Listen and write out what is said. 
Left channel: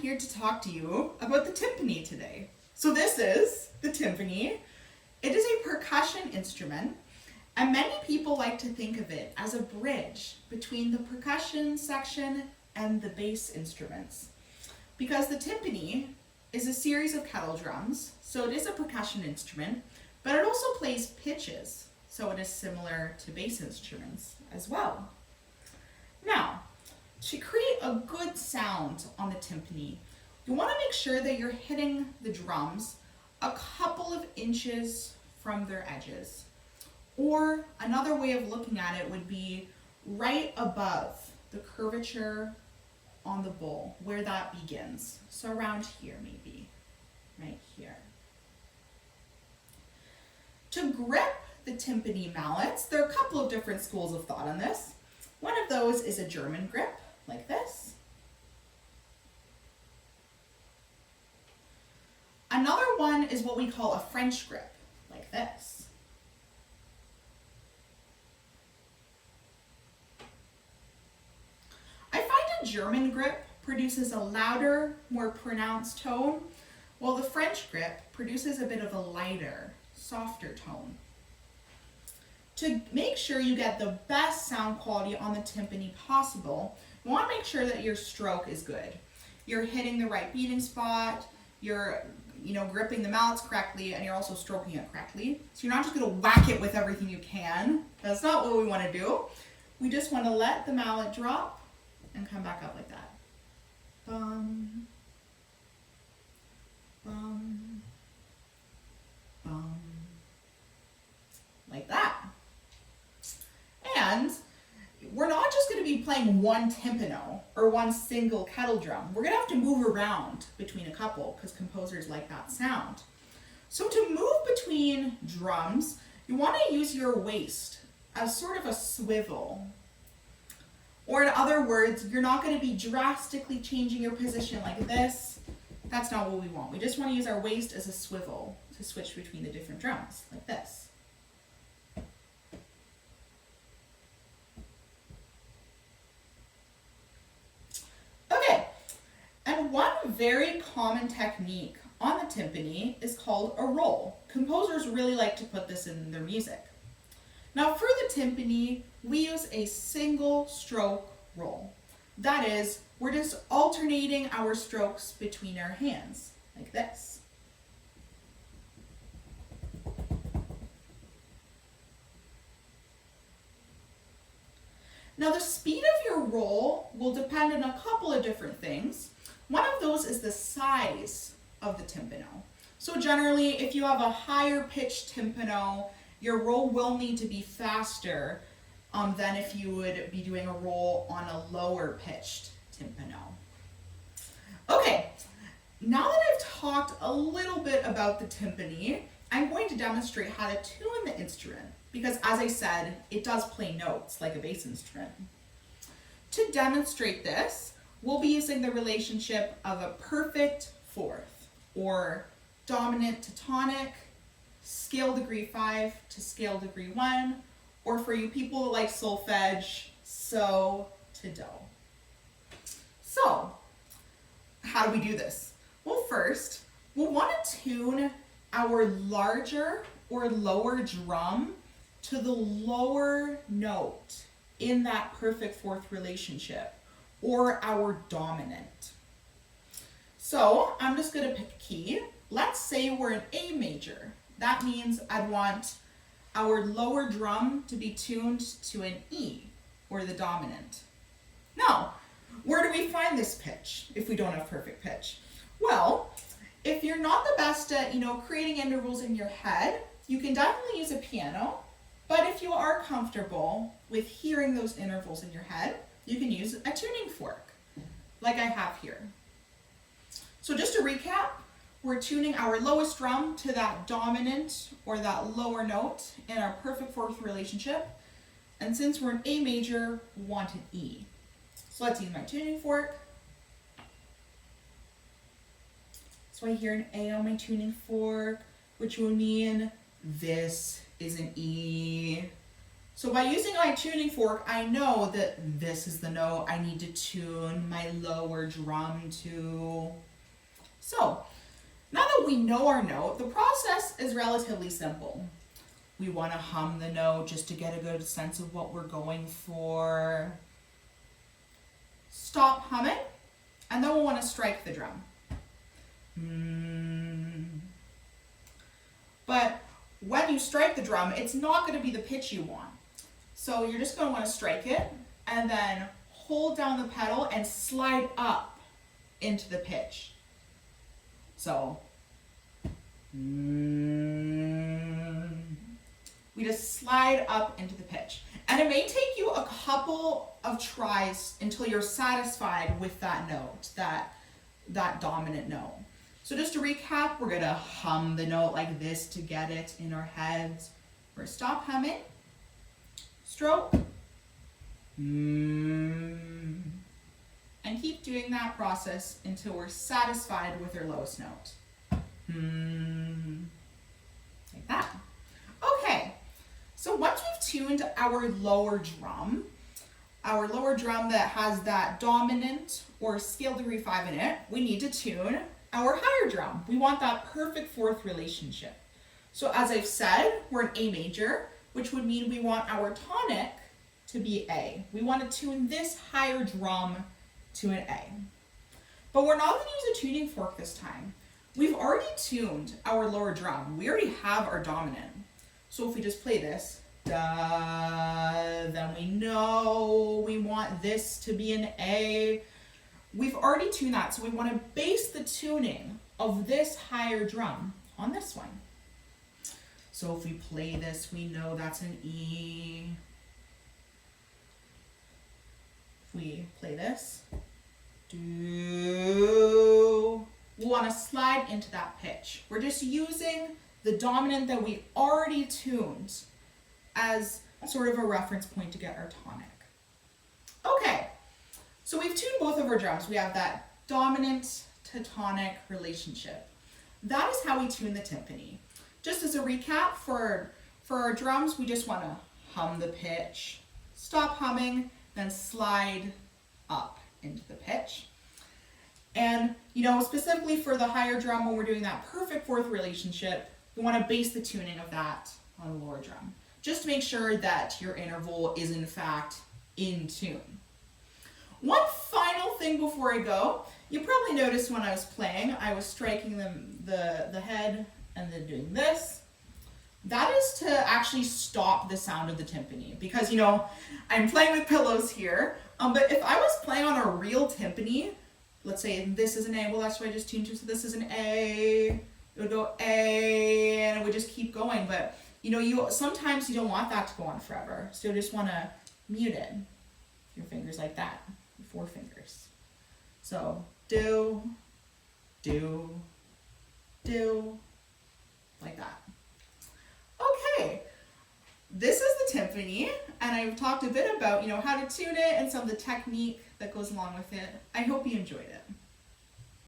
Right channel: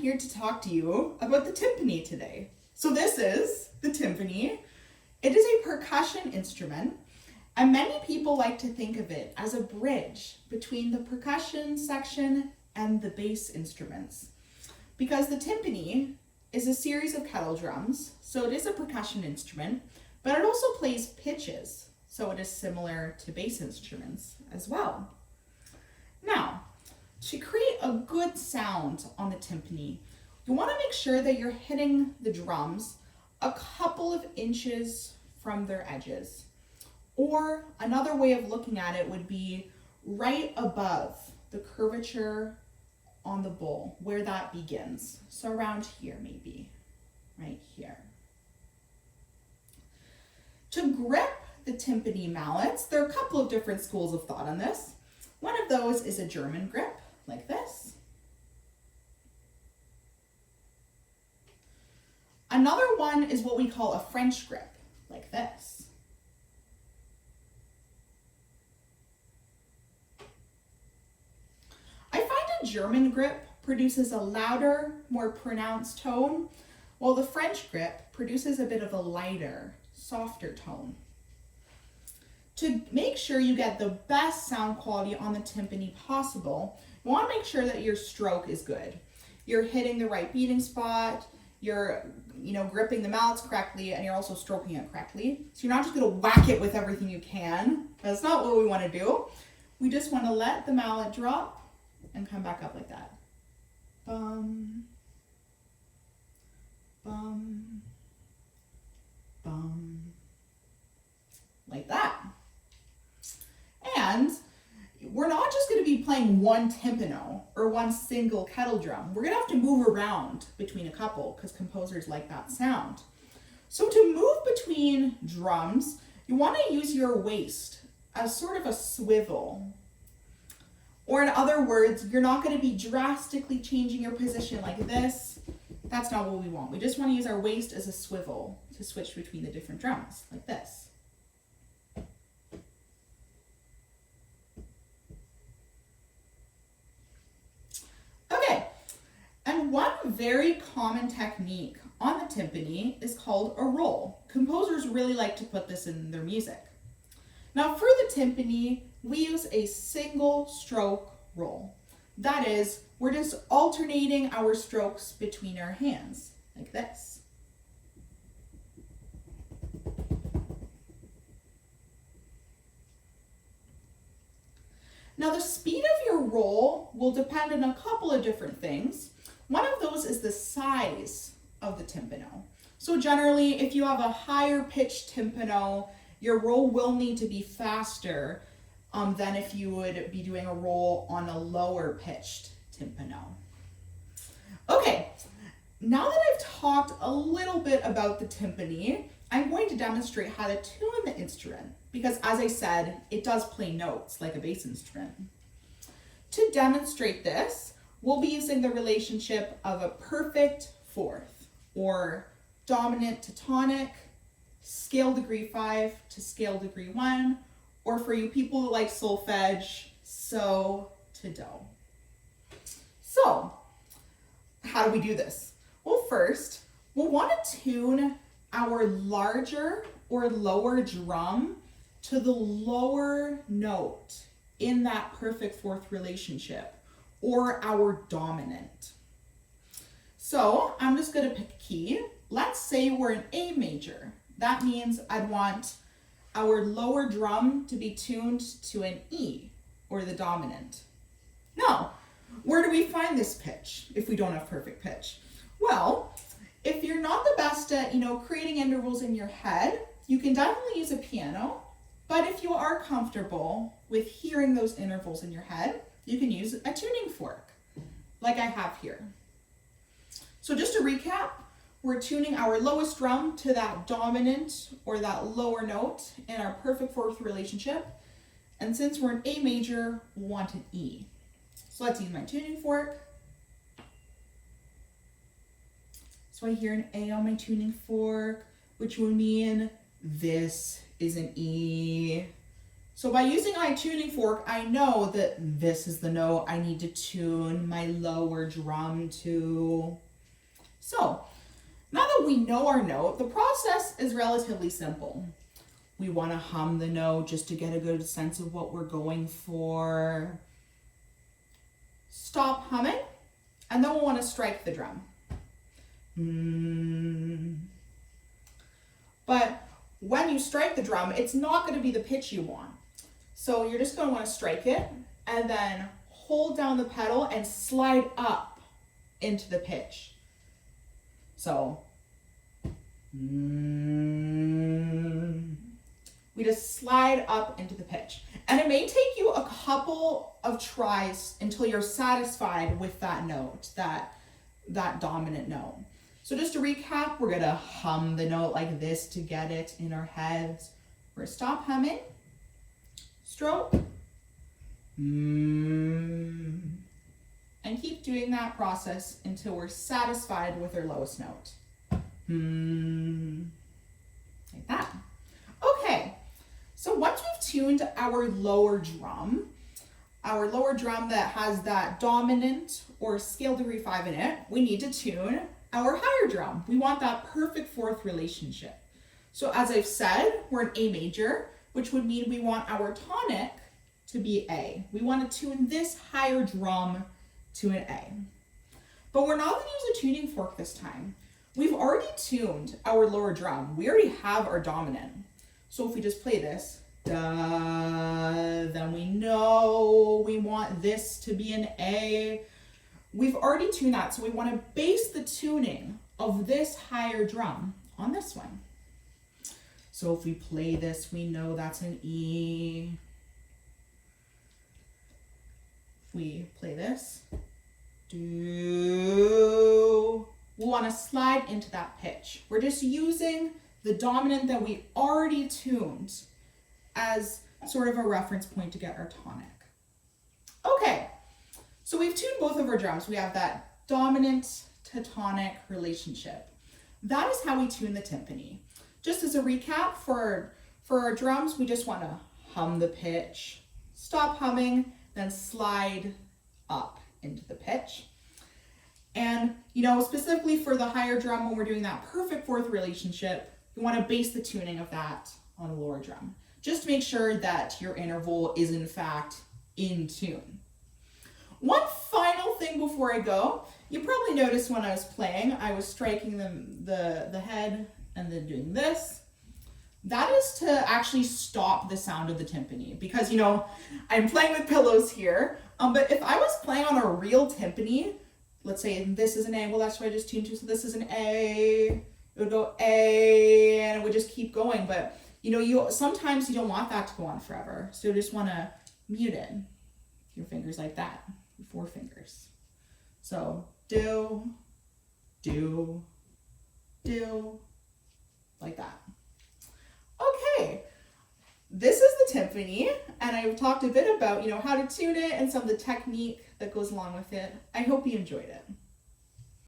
I'm here to talk to you about the timpani today. So this is the timpani. It is a percussion instrument, and many people like to think of it as a bridge between the percussion section and the bass instruments. Because the timpani is a series of kettle drums, so it is a percussion instrument, but it also plays pitches, so it is similar to bass instruments as well. Now, to create a good sound on the timpani, you want to make sure that you're hitting the drums a couple of inches from their edges. Or another way of looking at it would be right above the curvature on the bowl, where that begins. So around here maybe, right here. To grip the timpani mallets, there are a couple of different schools of thought on this. One of those is a German grip, like this. Another one is what we call a French grip, like this. I find a German grip produces a louder, more pronounced tone, while the French grip produces a bit of a lighter, softer tone. To make sure you get the best sound quality on the timpani possible, you want to make sure that your stroke is good. You're hitting the right beating spot, you're gripping the mallets correctly, and you're also stroking it correctly. So you're not just going to whack it with everything you can. That's not what we want to do. We just want to let the mallet drop and come back up like that. Bum, bum, bum, like that. And we're not just going to be playing one timpano or one single kettle drum. We're going to have to move around between a couple because composers like that sound. So to move between drums, you want to use your waist as sort of a swivel. Or in other words, you're not going to be drastically changing your position like this. That's not what we want. We just want to use our waist as a swivel to switch between the different drums, like this. Okay, and one very common technique on the timpani is called a roll. Composers really like to put this in their music. Now for the timpani, we use a single stroke roll. That is, we're just alternating our strokes between our hands, like this. Now the speed of your roll will depend on a couple of different things. One of those is the size of the timpano. So generally, if you have a higher pitched timpano, your roll will need to be faster than if you would be doing a roll on a lower pitched timpano. Okay, now that I've talked a little bit about the timpani, I'm going to demonstrate how to tune the instrument because, as I said, it does play notes like a bass instrument. To demonstrate this, we'll be using the relationship of a perfect fourth, or dominant to tonic, scale degree 5 to scale degree 1, or for you people who like solfege, so to do. So, how do we do this? Well, first, we'll want to tune our larger or lower drum to the lower note in that perfect fourth relationship, or our dominant. So I'm just going to pick a key. Let's say we're in A major. That means I'd want our lower drum to be tuned to an E, or the dominant. Now, where do we find this pitch if we don't have perfect pitch? Well, if you're not the best at, creating intervals in your head, you can definitely use a piano. But if you are comfortable with hearing those intervals in your head, you can use a tuning fork, like I have here. So just to recap, we're tuning our lowest drum to that dominant or that lower note in our perfect fourth relationship. And since we're in A major, we want an E. So let's use my tuning fork. So I hear an A on my tuning fork, which would mean this is an E. So by using my tuning fork, I know that this is the note I need to tune my lower drum to. So now that we know our note, the process is relatively simple. We want to hum the note just to get a good sense of what we're going for. Stop humming, and then we'll want to strike the drum. But when you strike the drum, it's not going to be the pitch you want. So you're just going to want to strike it and then hold down the pedal and slide up into the pitch. So we just slide up into the pitch. And it may take you a couple of tries until you're satisfied with that note, that dominant note. So just to recap, we're gonna hum the note like this to get it in our heads. We're stop humming, stroke, and keep doing that process until we're satisfied with our lowest note. Like that. Okay, so once we've tuned our lower drum that has that dominant or scale degree 5 in it, we need to tune our higher drum. We want that perfect fourth relationship. So as I've said, we're in A major, which would mean we want our tonic to be A. We want to tune this higher drum to an A. But we're not going to use a tuning fork this time. We've already tuned our lower drum. We already have our dominant. So if we just play this, da, then we know we want this to be an A. We've already tuned that, so we want to base the tuning of this higher drum on this one. So if we play this, we know that's an E. If we play this, do, we'll want to slide into that pitch. We're just using the dominant that we already tuned as sort of a reference point to get our tonic. Okay, so we've tuned both of our drums. We have that dominant to tonic relationship. That is how we tune the timpani. Just as a recap, for our drums, we just want to hum the pitch, stop humming, then slide up into the pitch. And, you know, specifically for the higher drum, when we're doing that perfect fourth relationship, we want to base the tuning of that on the lower drum. Just to make sure that your interval is in fact in tune. One final thing before I go, you probably noticed when I was playing, I was striking the head and then doing this. That is to actually stop the sound of the timpani, because, you know, I'm playing with pillows here, but if I was playing on a real timpani, let's say this is an A, well that's what I just tuned to, so this is an A, it would go A, and it would just keep going, but you know, sometimes you don't want that to go on forever, so you just want to mute it. Your fingers like that, your 4 fingers. So do, do, do, like that. Okay, this is the timpani, and I've talked a bit about, you know, how to tune it and some of the technique that goes along with it. I hope you enjoyed it.